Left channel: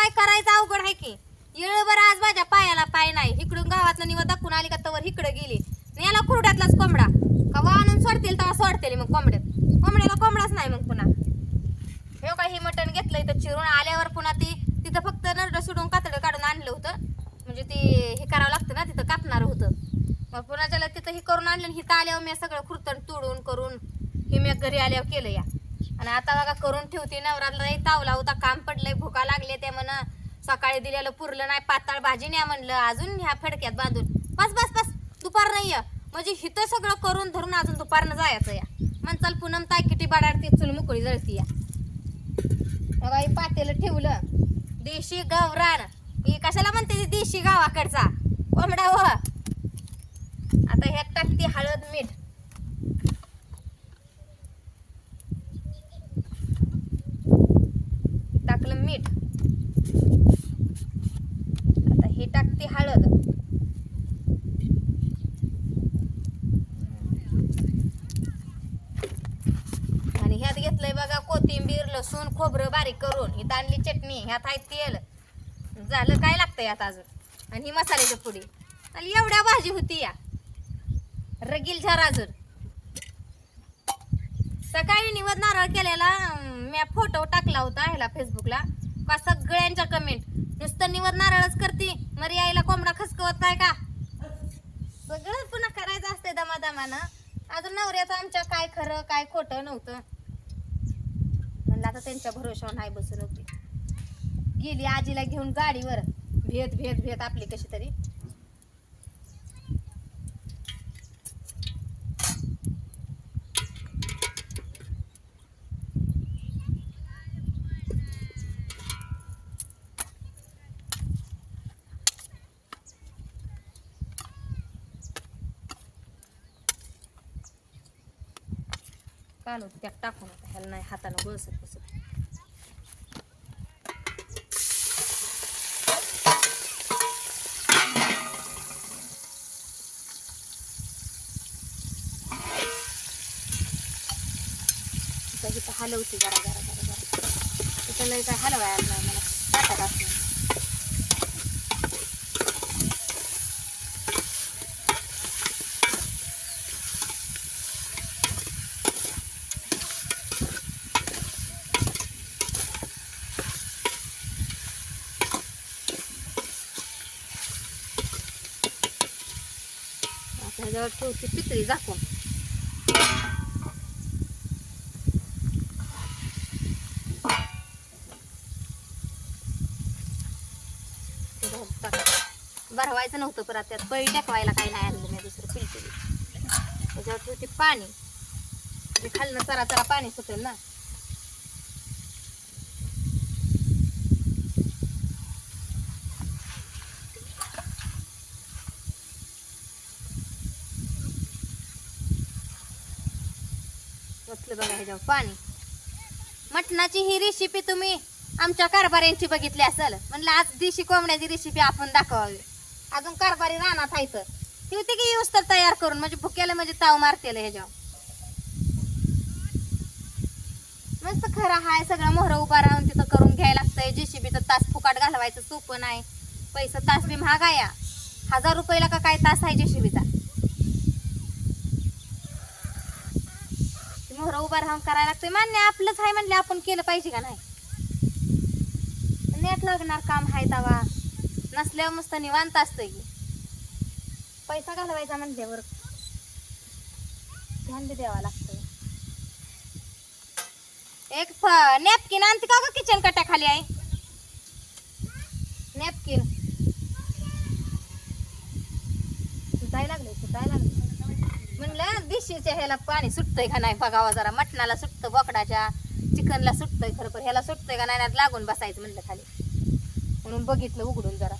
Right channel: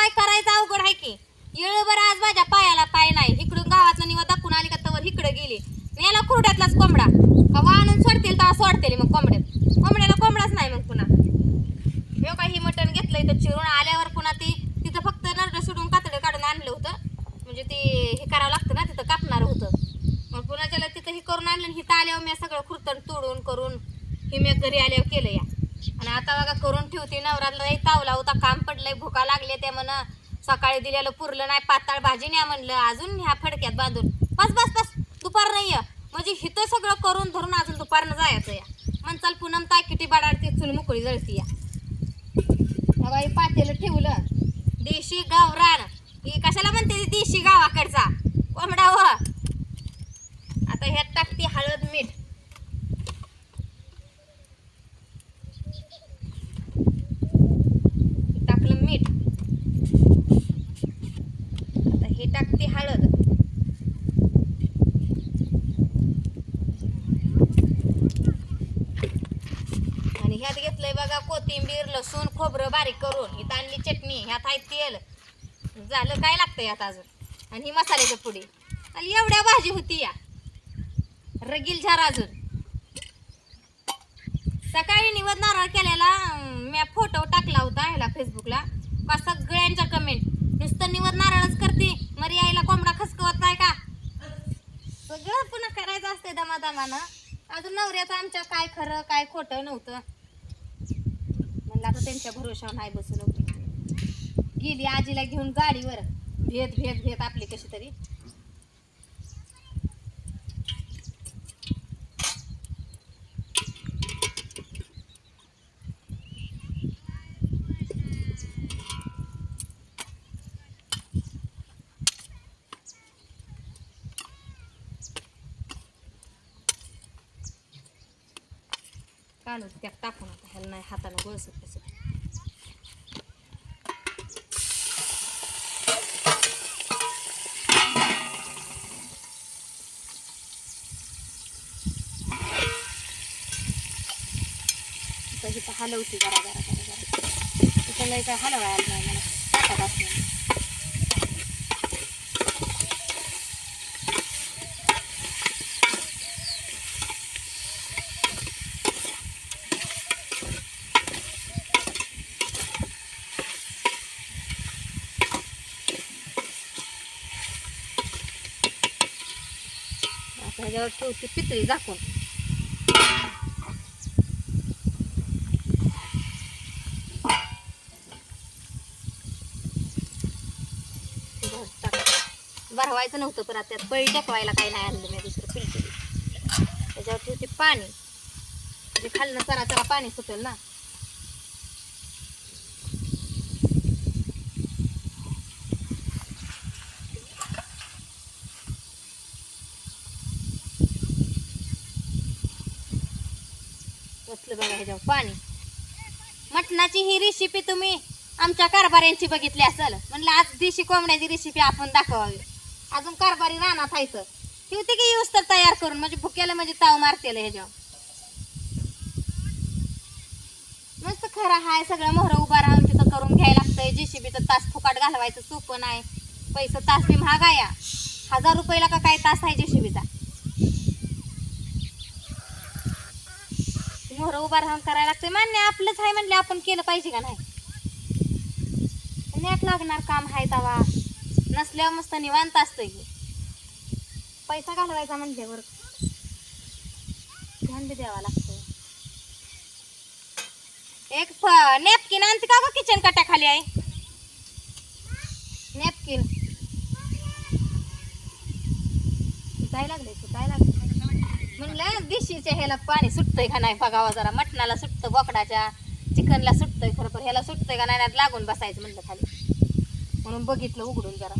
पाय करायचा अवघड आहे की. येळभर आज माझ्या पायाला पाय नाही. इकडून गावातलं निवा दाखवून आली का तवर इकडे गेली. याला खुरड्यातलाच कोंबडा का वाणून सोडतील तेव्हा सोडतील मग कोंबड्याला कोंबडाच नाही मग पुन्हा. हे काही मटण घेतलंय तर चिरून आल्यावर पुन्हा ती तिथं फक्त नरड सोडून कातडं काढून आणलं होतं. म्हणजे ते हे करावं लागतं ना, तिथं कापणार होतं. मग पुन्हा त्याला तिथं हे करून आणलं. हिथं आल्यावर मी सगळं खुरतण तोडून करून हे मी घरी आल्यावर केलं या. आणि आता बघा करून ठेवते. नवराला तावला होता, काम पडलंय, भुका लागले ते म्हण. सकाळी दिलेलं पुरलं नाही, पाताळ भाजी न्या म्हणलं, अजून ह्या फडक्यात बांधून बस बस बस दुपार नाही म्हणजे हिथं सगळं करून धरून अजून दुपारनं जायचं या. म्हणचाल पूनम ताय किती बाडाडती चुल मुकळी जळती या. बाई पातेलं ठेवलं. देशी गावरान ही कशाला म्हणते देशी गावाकडचा कोंबडा हो. आता ह्यात टाकते हळद मीठ. टाकलं मीठ. आता हे टाकते हळद. आणि ह्यात घेतलंय बघा कोथिंबीर, लसूण, खोबरं बारीक करून. ही आणली चटणी. ह्यात आहे तेल. झालं काय लागतंय आता अजून. आणि ही मसाल्याची पुडी. आणि एवढ्या भाजी होती या रगील झार. अजून सकाळी निवद नारळ केलेला मी फोटो टाकला होता ह्याला फेसबुकला. का सगळ्यांच्या कमेंट नुसतं निवद नारळच करते, मरी आईला कोंबडा खसकवत नाही का. सगळं पुन्हा करायचं असते दमादमानं. अजून नवऱ्याचं आमच्या काय खरं काय खोटं नव्हतं. म्हणलं आता त्यांच्या भरोशावर नाही बसून होती. गेली आजीला घेऊन गाडीवर भेत भेत भेत आपली कशी तरी. काढून त्यात टाकून आता ह्याला नाही हातानं गोळसत कसं. इथं हलवते जरा जरा जरा जरा. तिथं लय काय हलवायला नाही मला टाकत असलं. ह्याच्यावर ठेवते पितळी झाकून. भरवायचं नव्हतं परत त्यात पळी टाकवायला काही नाही आणलं मी दुसरं पिलटी. त्याच्यावर ठेवते पाणी. म्हणजे खालनं चरा चरा पाणी सुटेल ना. बसलं बघा ह्याच्यावर पाणी. मटणाची ही रेसिपी तुम्ही आमच्या कारभाऱ्यांची बघितली असेल. म्हणलं आज देशी कोंबड्याची रेसिपी आपण दाखवावी. अजून कारभारी रानात खायचं ठेवते की यूज तर तयार करून म्हणजे भुक्याला म्हणजे ताव मारतेल ह्याच्यावर. मस्त खरं हाय सगळं मोहरं उभा राहून तिथं करून घ्यायला लागतंय. जेसीबीचं तास फुकाट घालवायचं सोपं नाही. पैसा तास बी महाग आहे. 1000 रुपयाला का काय तास आहे जेसीबीचा. मोहरं उभा राहून करायला लागतंय. मान्य आपलंच आहे म्हणले आपण केलं पाहिजे का नाही. नेट लागणार काम आहे तवा. नसल्यावर मस्त निवांत असतंय की. पैसा घालवायचा म्हणल्यावर ध्यान बी द्यावा लागतंय. एक नॅपकिन आणते का ग किचन कट्या खाली आहे. नॅपकिन सुटायला लागले. म्हणलं देशीच्या ह्याला पाणी सुटतंय का नाही बघावा जरा. मटणाला सुटतं, बोकडाच्या चिकनला सुटतंय खरं पण ह्याला सुटतंय का नाही लागून बसायचं म्हणलं खाली. म्हणून बघितलं उघडून जरा.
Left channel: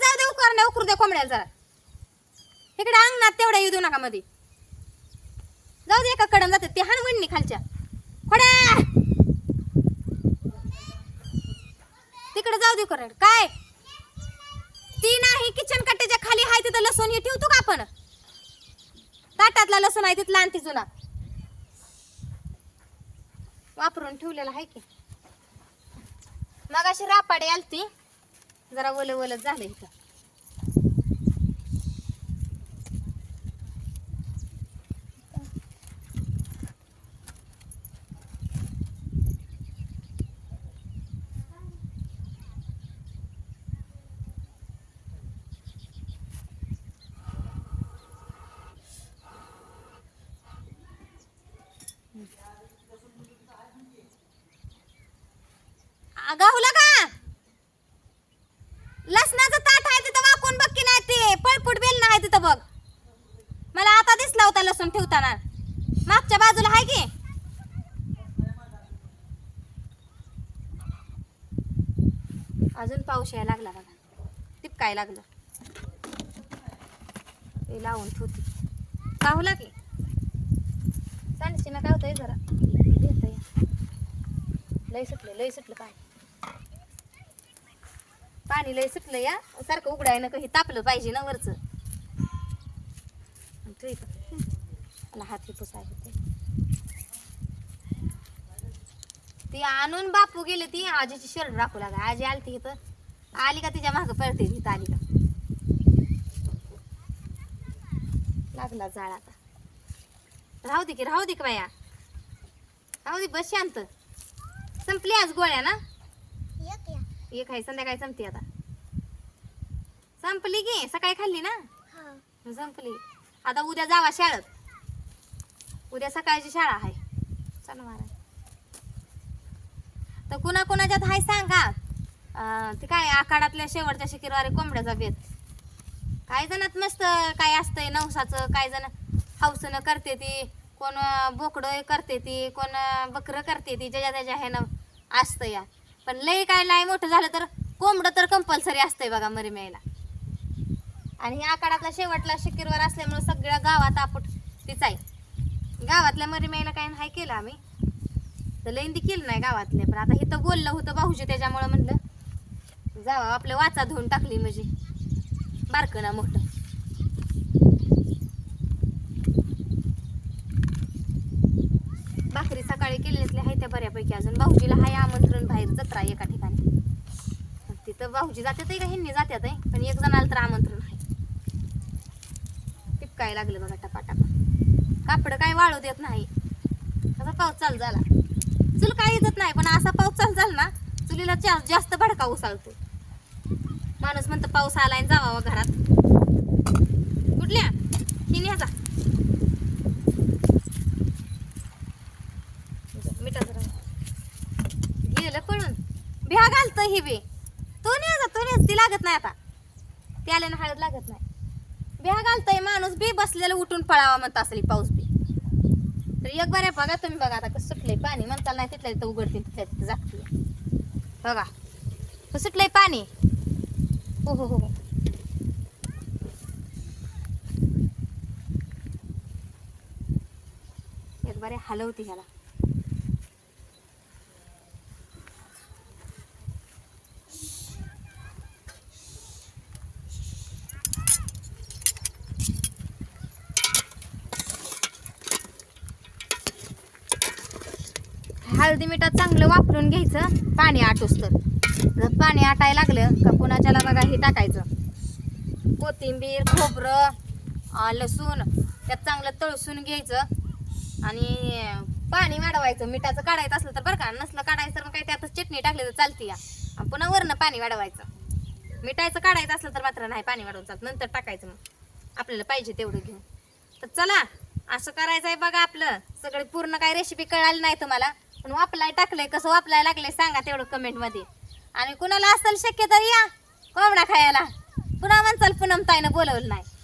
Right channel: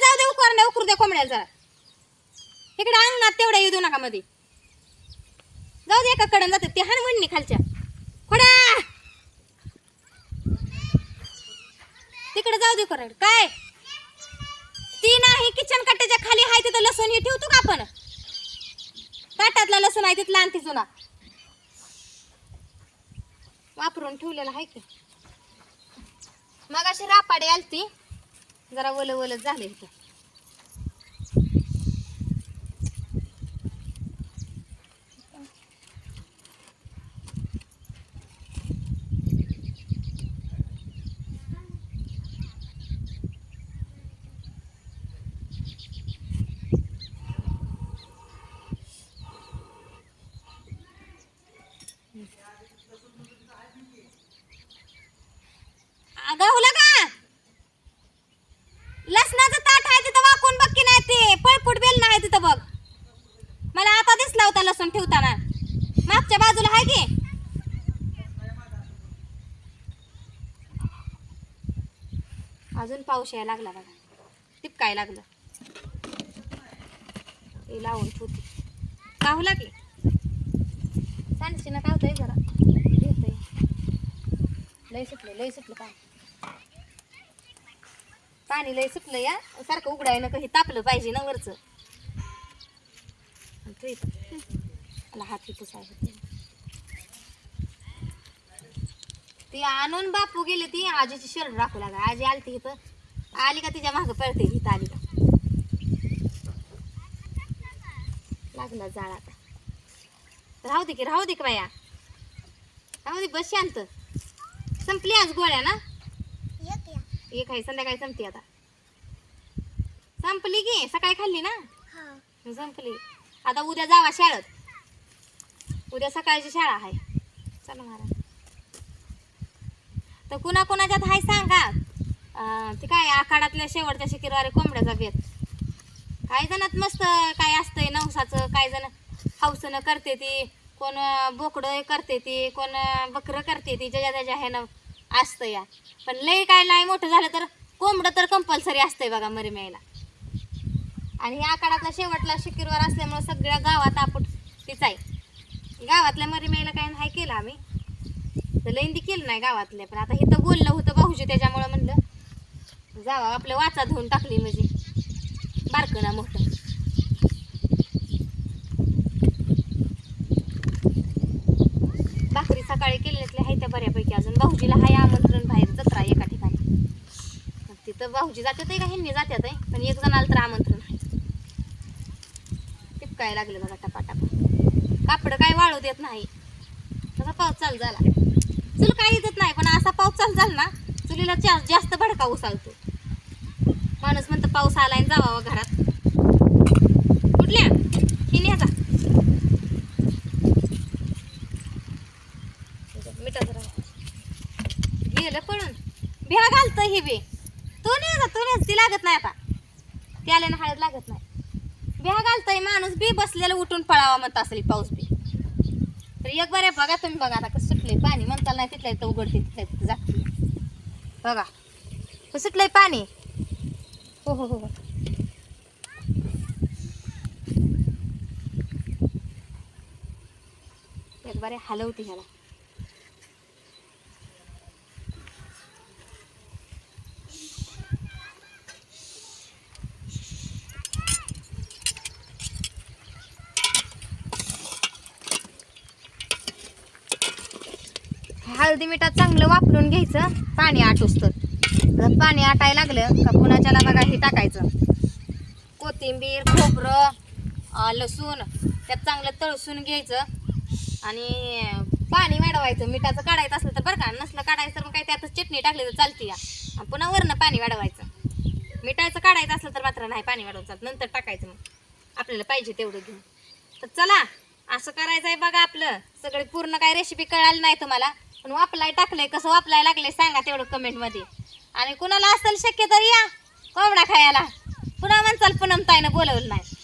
जाऊ दे उकरू दे कोंबड्याला जरा. इकडे अंगणात तेवढा येऊ देऊ नका मध्ये. जाऊ दे एका कडून जाते ते हान वडणी खालच्या खोडा. जाऊ दे करायला काय ती नाही किचन कट्ट्याच्या खाली आहे तिथं लसूण हे ठेवतो का आपण ताटातला लसूण आहे तिथला आणते जुना वापरून ठेवलेला आहे की मग अशी रापाडी आलती जरा वल वल झाले इथे गावला का लसणाचं ताट आहे तिथं वाकून बघ की नाही ते पळपुट बेल नाही तिथं बघ मला आता दिसला होता लसूण ठेवताना मागच्या बाजूला आहे की अजून पाऊस यायला लागला बघा टिपकाय लागलं ते लावून ठेवते गावला की सांडशी ना काय होतंय जरा घेतय लय सुटलं पाणी लय सुटलं या सारखं उघडायनं काही तापलं पाहिजे ना वरचं मला हाती पुसाय होते ती आणून बापू गेले ती आजीची शर्ट राखू लागा आजी आली इथं आली का तिच्या मागं पळते इथं आली का लागला जाळ आता राहू दे की बाया राहू दे बस शांत संपली आज गोळ्या ना एक आहे संध्याकाळी संपते आता संपली की सकाळी खाल्ली ना संपली आता उद्या जावा शाळेत उद्या सकाळची शाळा आहे चला मारा तर कुणा कुणाच्यात हाय सांगा ते काय आखाडातल्या शेवटच्या शुक्रवारी कोंबड्याचा बेत काही जणात मस्त काय असतंय नवसाचं काही जण हौसनं करते ती कोण बोकडं करते ती कोण बकरं करते ती ज्याच्या त्याच्या ह्यानं असतं या पण लय काय नाही मोठं झालं तर कोंबडं तर कंपल्सरी असतंय बघा मरीम्याला आणि हे आखाडातला शेवटला शुक्रवार असल्यामुळे सगळ्या गावात आपट तीच आहे गावातल्या मरीम्याला काय नाही केलं आम्ही तर लईंदी केलं नाही गावातले पण आता इथं बोललं होतं भाऊजी त्याच्यामुळं म्हणलं जावा आपल्या वाचा धुवून टाकली म्हणजे बारकं ना मोठं भाकरी सकाळी केलेल्या आहे त्या बऱ्यापैकी अजून भाऊजीला हाय आमंत्रण बाहेर जत्रा एका ठिकाणी तिथं भाऊजी जातात का ह्यांनी जातात आहे पण एक जणाला तर आमंत्रण आहे टिपकाय लागलं बघा टपाटपा कापड काय वाळू देत नाही तसा पाऊस चालू झाला चूल काय येत नाही पण असा पाऊस चालू झाला ना चुलीला जास्त भडका उसालतो माणूस म्हणतो पाऊस आलाय जावा घरात कुठल्या ही न्याचा मिठाचं गेलं पळून बिहा घालतं ही बी तो न्याचा ती लागत नाही आता ती आल्यानं हळद लागत नाही बिहा घालतंय माणूस बी बसलेलं उठून पळावा म्हणत असेल पाऊस बी तर एक बरे बघा तुम्ही बघा आता कसं सुटलंय पाणी म्हणताल नाही तिथल्या तिथं उघडते तिथल्या तिथं जागते बघा हे सुटलंय पाणी हो हो हो एक बरे हलवते ह्याला हळदी मिठात चांगलं वापरून घ्यायचं पाणी आटूस तर जर पाणी आटायला लागलं का कुणाच्याला बघा हे टाकायचं कोथिंबीर खोबरं लसूण त्यात चांगलं तळसून घ्यायचं आणि पाणी वाढवायचं मिठाचं काढायचं असलं तर बरं का नसलं काढायचं तर मग काही त्यातच चटणी टाकली तर चालते या आणि पुन्हा वरनं पाणी वाढवायचं मिठाचं काढायचं असलं तर मात्र नाही पाणी वाढवून चालतं नंतर टाकायचं मग आपल्याला पाहिजे तेवढं घेऊन तर चला असं करायचं आहे बघा आपलं सगळे पूर्ण काही रेसिपी कळाली नाही तुम्हाला पण वापलाय टाकलंय कसं वापलाय लागलंय सांगा तेवढं कमेंटमध्ये आणि कुणाला असेल शक्य तर या कोंबडा खायला पुन्हा म्हणचाल पूनम ताईनं बोलवलं नाही